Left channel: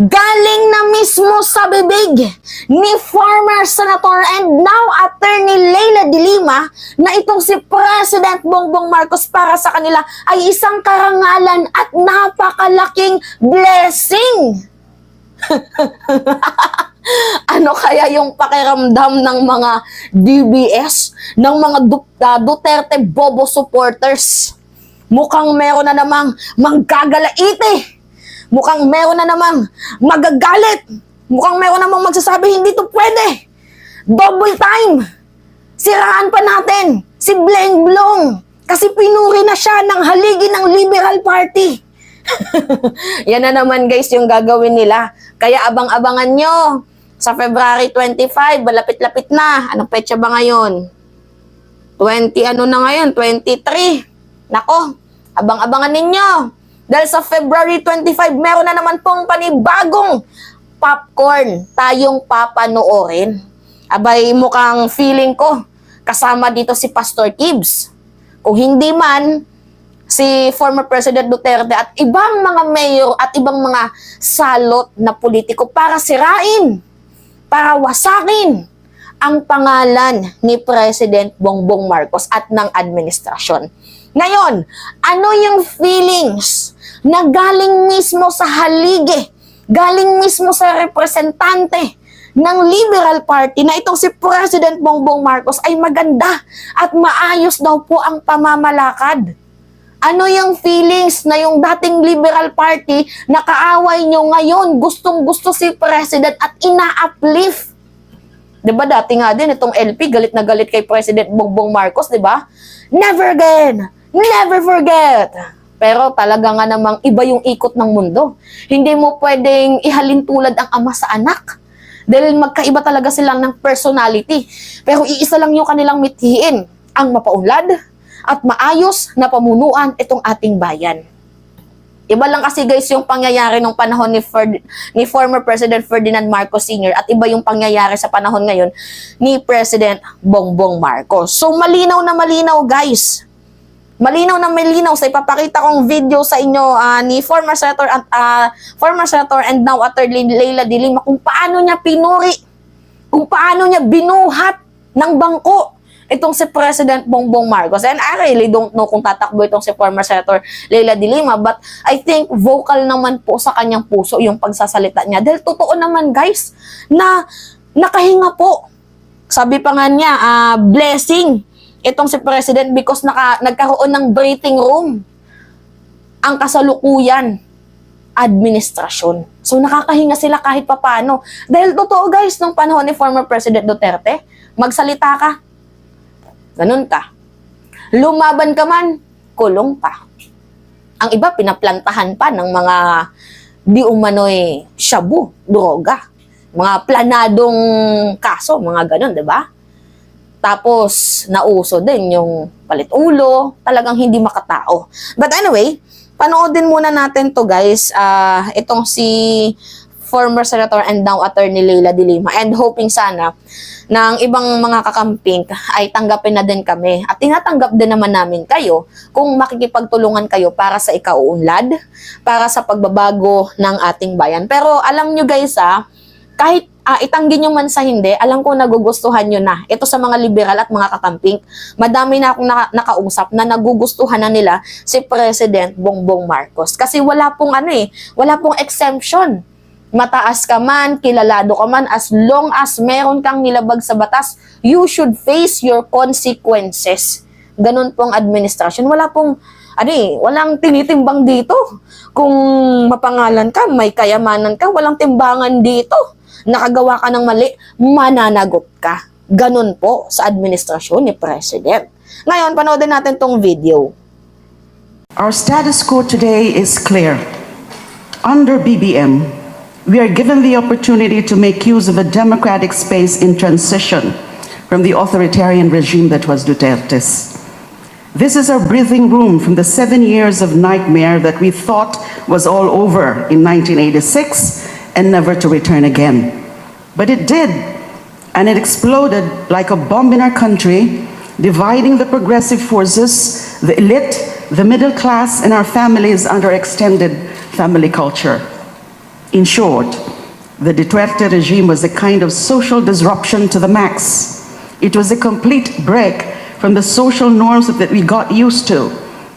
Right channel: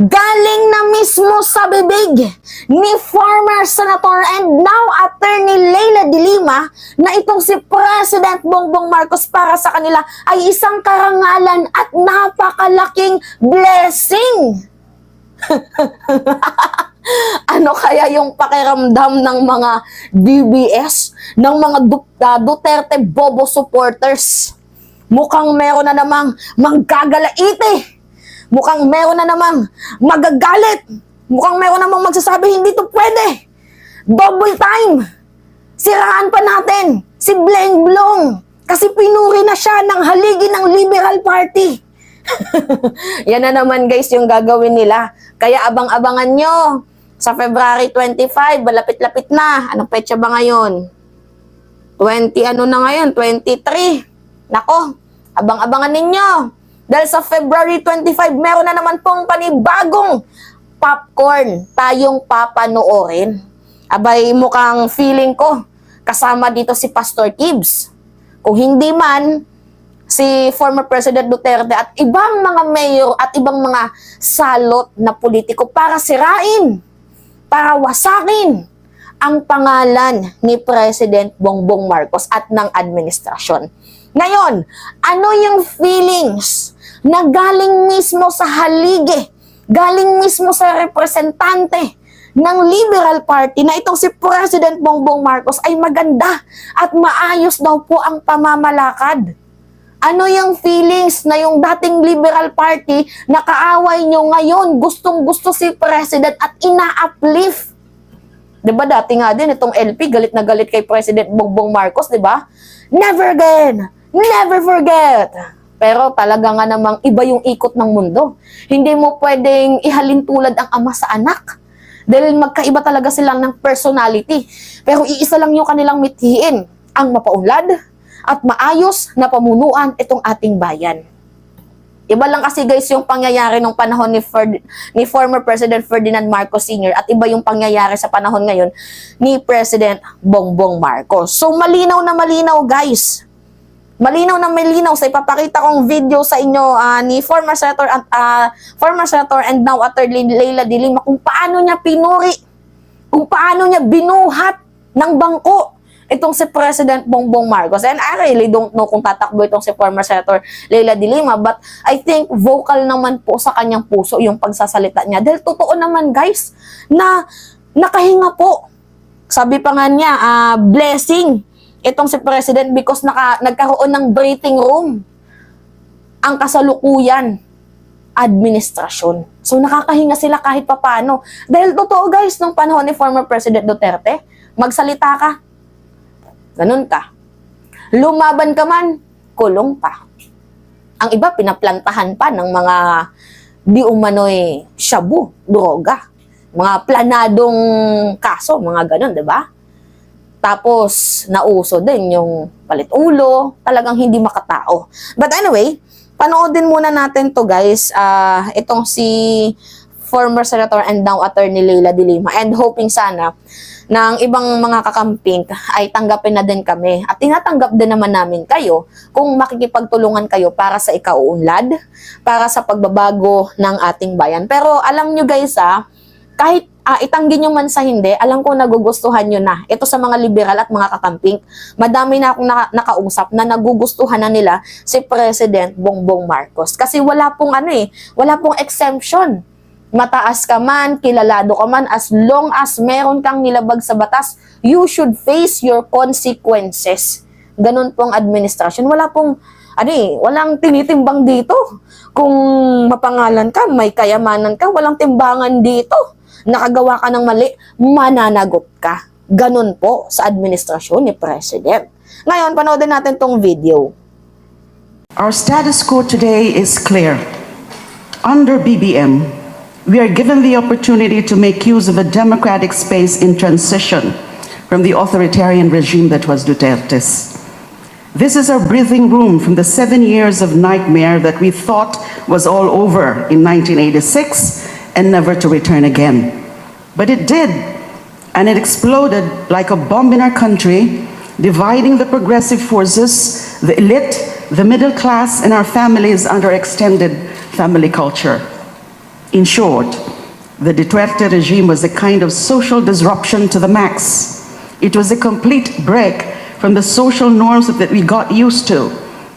Galing na mismo sa bibig ni former Senator and now Attorney Leila de Lima na itong si President Bongbong Marcos para sa kanila ay isang karangalan at napakalaking blessing. Ano kaya yung pakiramdam ng mga DBS, ng mga Duterte Bobo supporters? Mukhang meron na namang manggagalaite. Mukhang meron na namang magagalit. Mukhang meron namang magsasabi, hindi to pwede. Double time. Siraan pa natin si Bleng Blong kasi pinuri na siya ng haligi ng Liberal Party. Yan na naman guys yung gagawin nila. Kaya abang-abangan nyo. Sa February 25, malapit-lapit na. Anong petsa ba ngayon? 20 ano na ngayon? 23. Nako, abang-abangan ninyo. Dahil sa February 25, meron na naman pong panibagong popcorn tayong papanoorin. Abay, mukhang feeling ko, kasama dito si Pastor Kibbs. Kung hindi man, si former President Duterte at ibang mga mayor at ibang mga salot na politiko para sirain, para wasakin ang pangalan ni President Bongbong Marcos at ng administrasyon. Ngayon, ano yung feelings na galing mismo sa haligi, galing mismo sa representante ng Liberal Party na itong si President Bongbong Marcos ay maganda at maayos daw po ang pamamalakad? Ano yung feelings na yung dating Liberal Party na kaaway nyo ngayon gustong-gusto si President at ina-uplift? Diba dati nga din itong LP galit na galit kay President Bongbong Marcos, diba? Never again! Never forget! Pero talaga nga namang iba yung ikot ng mundo. Hindi mo pwedeng ihalin tulad ang ama sa anak. Dahil magkaiba talaga silang ng personality. Pero iisa lang yung kanilang mithiin, ang mapaunlad at maayos na pamunuan itong ating bayan. Iba lang kasi guys yung pangyayari nung panahon ni former President Ferdinand Marcos Sr. at iba yung pangyayari sa panahon ngayon ni President Bongbong Marcos. So malinaw na malinaw guys. Malinaw na malinaw sa ipapakita kong video sa inyo ni former Senator and now Attorney Leila de Lima kung paano niya pinuri, kung paano niya binuhat ng bangko itong si President Bongbong Marcos. And I really don't know kung tatakbo itong si former Senator Leila de Lima, but I think vocal naman po sa kanyang puso yung pagsasalita niya. Dahil totoo naman guys, na nakahinga po. Sabi pa nga niya, blessing itong si President because nagkaroon ng breathing room ang kasalukuyan administrasyon. So nakakahinga sila kahit papano. Dahil totoo guys, nung panahon ni former President Duterte, magsalita ka, ganun ka. Lumaban ka man, kulong pa. Ang iba, pinaplantahan pa ng mga di umano'y shabu, droga. Mga planadong kaso, mga ganun, di ba? Tapos, nauso din yung palit ulo, talagang hindi makatao. But anyway, panoodin muna natin to guys, itong si former Senator and now Attorney Leila de Lima, and hoping sana ng ibang mga kakamping ay tanggapin na din kami at tinatanggap din naman namin kayo kung makikipagtulungan kayo para sa ikauunlad, para sa pagbabago ng ating bayan. Pero alam nyo guys kahit itanggi nyo man sa hindi, alam ko nagugustuhan nyo na. Ito sa mga liberal at mga kakamping, madami na akong nakausap na nagugustuhan na nila si President Bongbong Marcos. Kasi wala pong wala pong exemption. Mataas ka man, kilalado ka man, as long as meron kang nilabag sa batas, you should face your consequences. Ganun pong administrasyon. Wala pong, walang tinitimbang dito. Kung mapangalan ka, may kayamanan ka, walang timbangan dito. Nakagawa ka ng mali, mananagot ka. Ganun po sa administrasyon ni President. Ngayon, panoodin natin tong video. Our status quo today is clear. Under BBM, we are given the opportunity to make use of a democratic space in transition from the authoritarian regime that was Duterte's. This is our breathing room from the 7 years of nightmare that we thought was all over in 1986 and never to return again. But it did, and it exploded like a bomb in our country, dividing the progressive forces, the elite, the middle class, and our families under extended family culture. In short, the Duterte regime was a kind of social disruption to the max. It was a complete break from the social norms that we got used to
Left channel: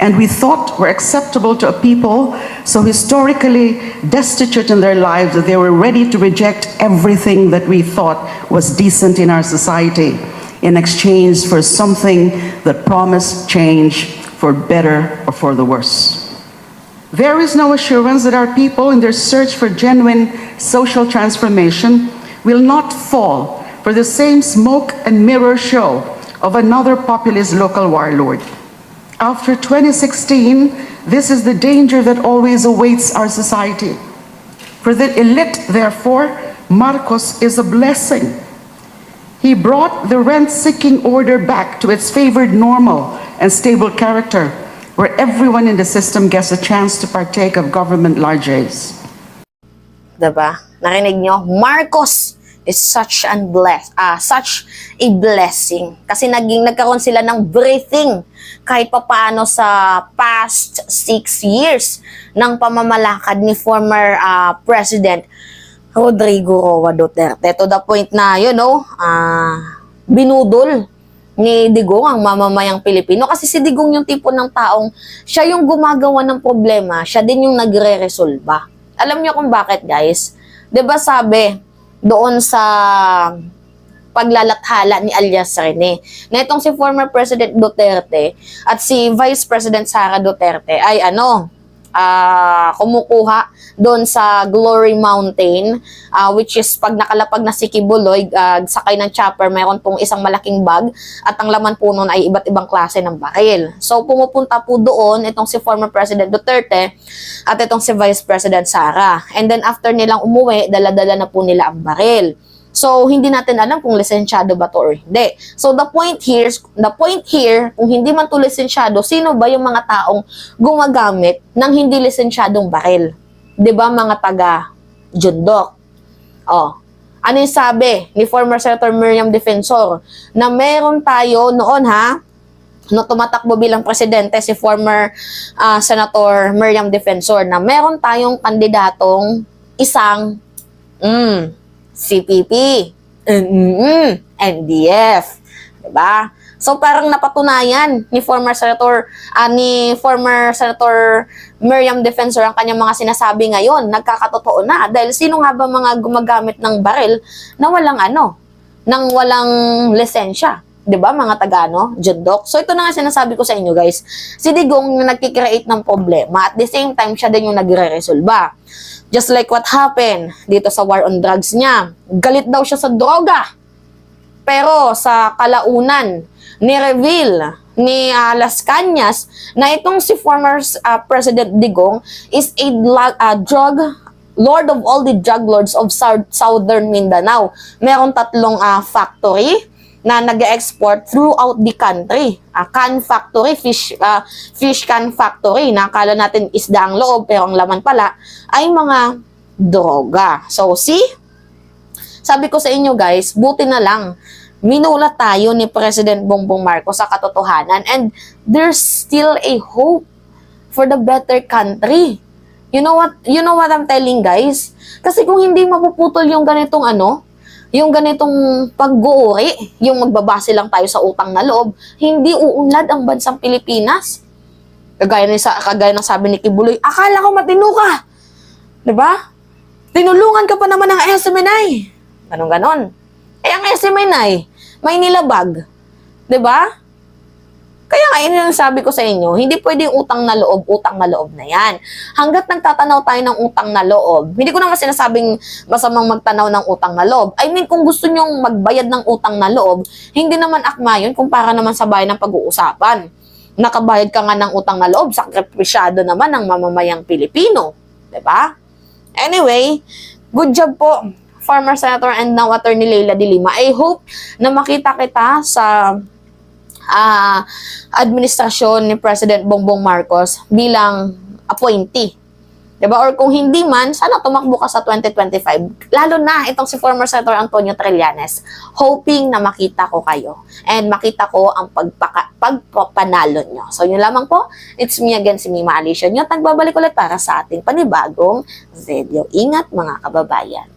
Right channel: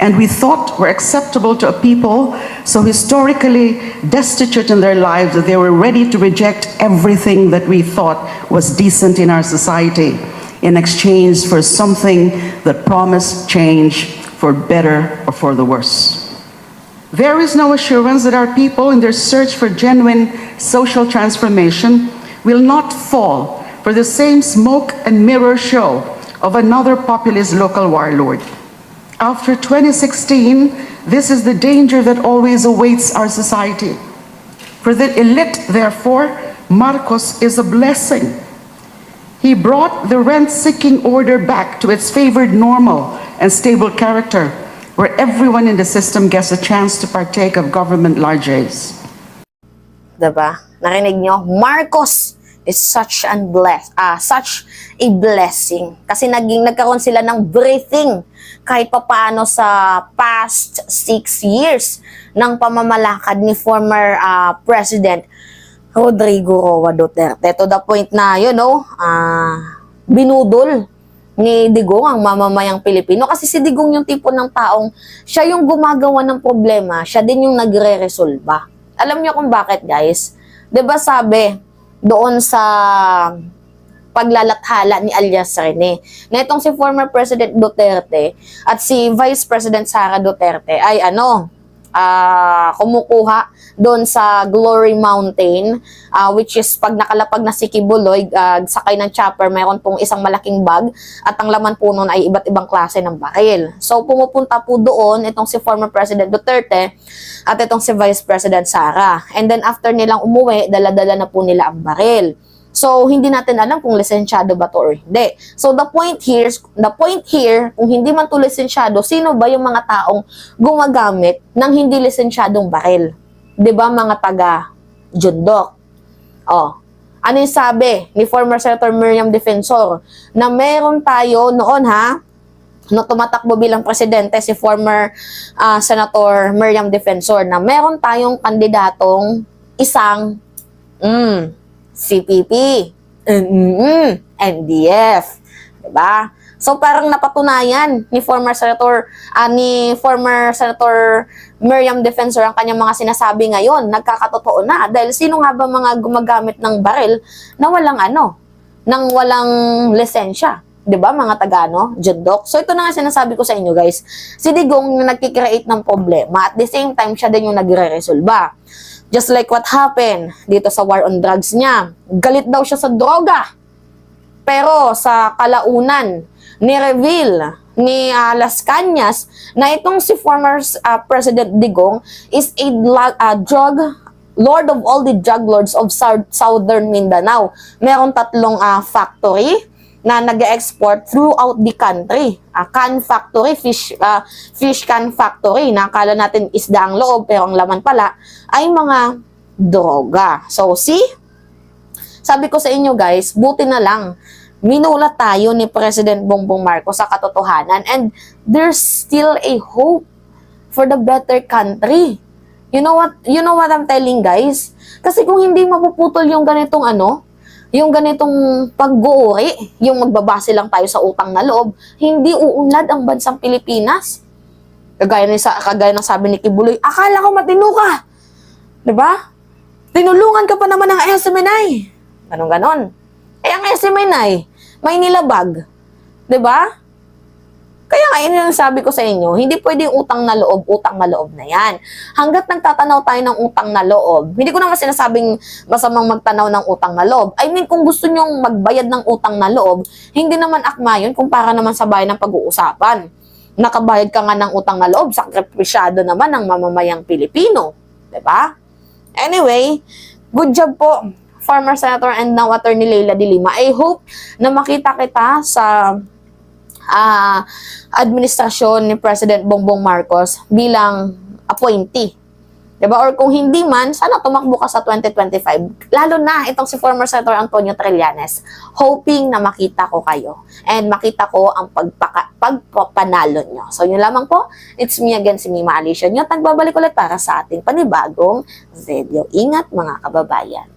and we thought were acceptable to a people so historically destitute in their lives that they were ready to reject everything that we thought was decent in our society in exchange for something that promised change for better or for the worse. There is no assurance that our people, in their search for genuine social transformation, will not fall for the same smoke and mirror show of another populist local warlord. After 2016, this is the danger that always awaits our society. For the elite, therefore, Marcos is a blessing. He brought the rent-seeking order back to its favored normal and stable character, where everyone in the system gets a chance to partake of government largesse. Diba? Narinig nyo? Marcos is such a blessing. Kasi nagkaroon sila ng breathing kahit papaano sa past 6 years ng pamamalakad ni former President Rodrigo Roa Duterte. To the point na, binudol ni Digong ang mamamayang Pilipino. Kasi si Digong yung tipo ng taong siya yung gumagawa ng problema, siya din yung nagre-resolba. Alam niyo kung bakit, guys? 'Di ba sabi doon sa paglalathala ni alias Rene na itong si former President Duterte at si Vice President Sara Duterte ay kumukuha doon sa Glory Mountain, which is pag nakalapag na si Kibuloy, sakay ng chopper, mayroon pong isang malaking bag at ang laman po nun ay iba't ibang klase ng baril. So pumupunta po doon itong si former President Duterte at itong si Vice President Sara. And then after nilang umuwi, dala-dala na po nila ang baril. So, hindi natin alam kung lisensyado ba to or hindi. So, the point here, kung hindi man to lisensyado, sino ba yung mga taong gumagamit ng hindi lisensyadong baril? 'Di ba mga taga-Jundok? Ano yung sabi ni former Senator Miriam Defensor? Na meron tayo noon no tumatakbo bilang presidente si former Senator Miriam Defensor na meron tayong kandidatong isang CPP, NDF, diba? So parang napatunayan ni former Senator Miriam Defensor ang kanyang mga sinasabi ngayon, nagkakatotoo na dahil sino nga ba mga gumagamit ng baril na walang lisensya, 'di ba mga Jundok? So ito na nga sinasabi ko sa inyo, guys. Si Digong na nagki-create ng problema at the same time siya din yung nagre-resolba. Just like what happened dito sa war on drugs niya. Galit daw siya sa droga. Pero sa kalaunan, ni-reveal ni Las Cañas na itong si former President Digong is a drug lord of all the drug lords of Southern Mindanao. Meron 3 factory na nag-export throughout the country. Can factory, fish can factory, na akala natin isda ang loob pero ang laman pala ay mga droga. So see, sabi ko sa inyo, guys, buti na lang minulat tayo ni President Bongbong Marcos sa katotohanan and there's still a hope for the better country. You know what I'm telling, guys? Kasi kung hindi mapuputol yung ganitong yung ganitong pag-uuri, yung magbabase lang tayo sa utang na loob, hindi uunlad ang bansang Pilipinas. Kagaya ng sabi ni Kibuloy, akala ko matino ka. 'Di ba? Tinulungan ka pa naman ng SMNI. Ganon. Ang SMNI, may nilabag. 'Di ba? Kaya yun yung sabi ko sa inyo, hindi pwedeng utang na loob na yan. Hanggat nagtatanaw tayo ng utang na loob, hindi ko naman sinasabing masamang magtanaw ng utang na loob. I mean, kung gusto nyong magbayad ng utang na loob, hindi naman akma yun kung para naman sa bayan ng pag-uusapan. Nakabayad ka nga ng utang na loob, sakripisyado naman ng mamamayang Pilipino. Diba? Anyway, good job po, former Senator and now Attorney Leila de Lima. I hope na makita kita sa administrasyon ni President Bongbong Marcos bilang appointee. Diba? Or kung hindi man, sana tumakbo ka sa 2025. Lalo na itong si former Senator Antonio Trillanes. Hoping na makita ko kayo. And makita ko ang pagpapanalo nyo. So yun lamang po. It's me again, si Mima Alicia nyo. Nagbabalik ulit para sa ating panibagong video. Ingat mga kababayan.